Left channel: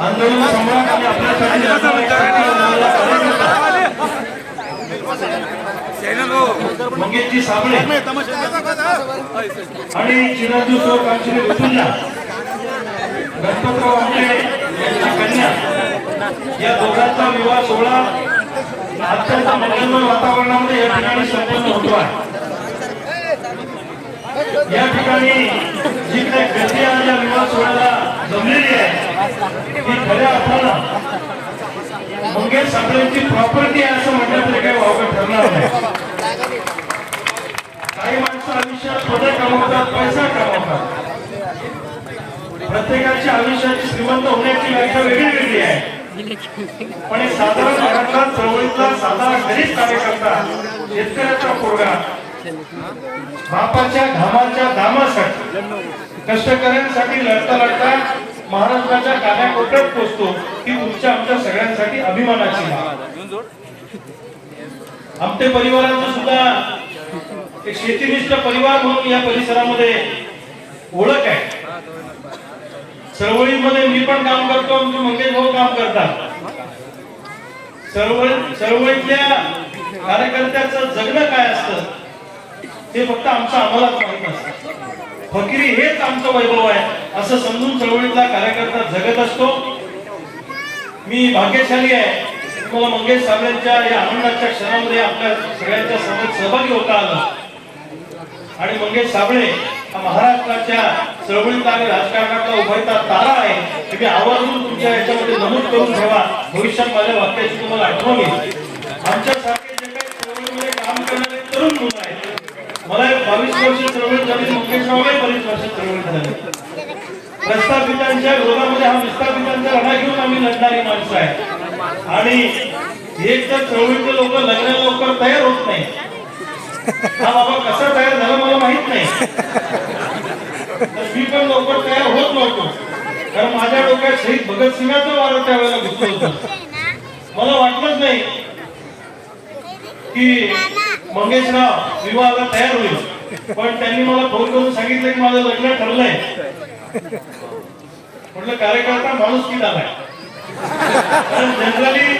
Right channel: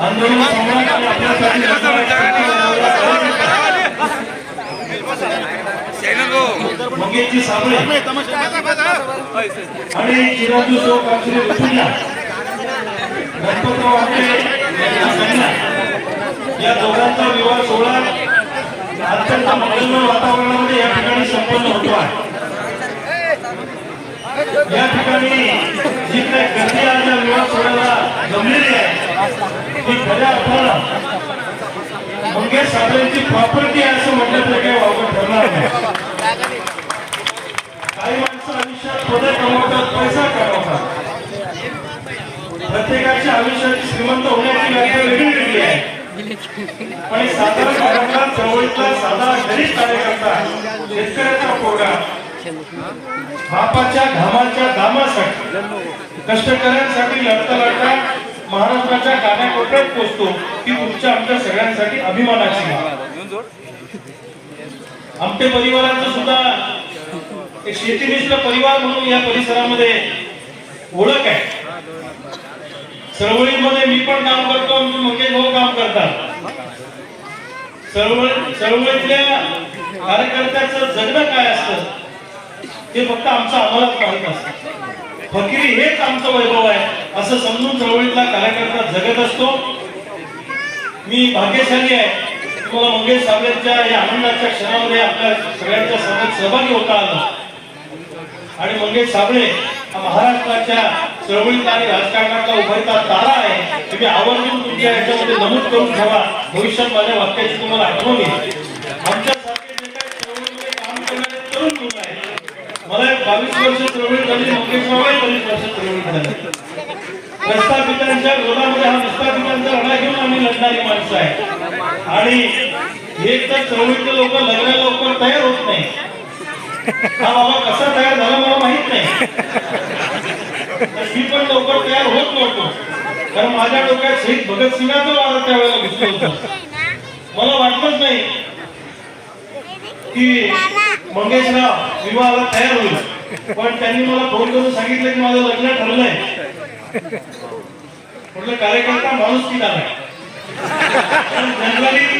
आंदोलन सम्राट आणि आपल्यासाठी मंगेशजी साबळे आणि चिरंजीव सो कामश्री ऋतुजा गणपतराव आमटे यांच्या कन्या. या दोघांचा विवाह सोहळा अत्यंत मंगलमय वातावरणामध्ये या ठिकाणी संपन्न होतो आहे. या ठिकाणी जी काही गर्दी आज विवाद सोहळ्याला जमलेली आहे. ती खऱ्या अर्थाला मंगेश साबळेंची प्रॉपर्टी आहे असं म्हटलं तरी काही वावगं ठरणार नाही. काही माणसं आयुष्यात थोडे कमावतात पैसा कमावतात. प्रत्येकाच्या आयुष्याची श्रीमंत होण्याची व्याख्या वेगळी वेगळी आहे. पण साधारण बापाच्या घामाच्या दामासाठी कष्टकऱ्यांसाठी लढता लढता महाराष्ट्राच्या कानाकोपऱ्यात पोहोचतो ही तुमच्या आमच्या सगळ्यांसाठी अभिमानाची बाब. आमटे परिवाराचं सुद्धा एक शेतीनिष्ठ परिवार म्हणून या परिसरामध्ये ओळख आहे. चळवळीमध्ये मी पण काम करतो आमचे मंगेश भाऊ काम करतात. चळवळ चळवळीतल्या कार्यकर्त्याचं जगणं काय असतं? ते फक्त आमच्या आम्हालाच माहीत असतं. फकिरी हेच आमचं वैभव आहे असं समजून चळवळीतला कार्यकर्ता जगत असतो. मी भाग्यशाली आहे. तुम्हाला मला मंगेश साबळेंच्या या आनंदाच्या क्षणामध्ये आपल्या सगळ्यांच्या समोर सहभागी होता आलं. आणि मंगेश साबळे हा महाराष्ट्राच्या चळवळीत आणि राजकारणातला उभयता तारा आहे. तुम्ही आवर्जून तुमच्या याच्यामध्ये नमूद करून ठेवा. भविष्यात माझ्या वाक्याची तुम्हाला आठवण येईल. आमच्यासारखे मला एक बावीस वर्ष चळवळी झाली मंगेश साबळे बावीस वर्ष चळवळी झाली प्रस्थापितांच्या विरोधामध्ये हा विस्थापितांचा लढा घेऊन आम्ही लढणारी माणसं आहे आणि एक तर चळवळीचे लोक लग्नाला लवकर तयार होत नाही. हा बाबा कसा तयार झाला मला माहीत नाही. तर मी पण लवकर तयार होत नव्हतो. कारण माझ्या डोक्यात शहीद भगतसिंगाचं वारं त्यावेळेला घेतलं होतं. मला वाटलंच नाही की मंगेशराव विवाहाला तयार होईल. पण त्यांनी मला फोन करून सांगितलं की माझं लग्न ठरलंय. म्हटलं कार्यकर्ता माणूस की झाला जनरली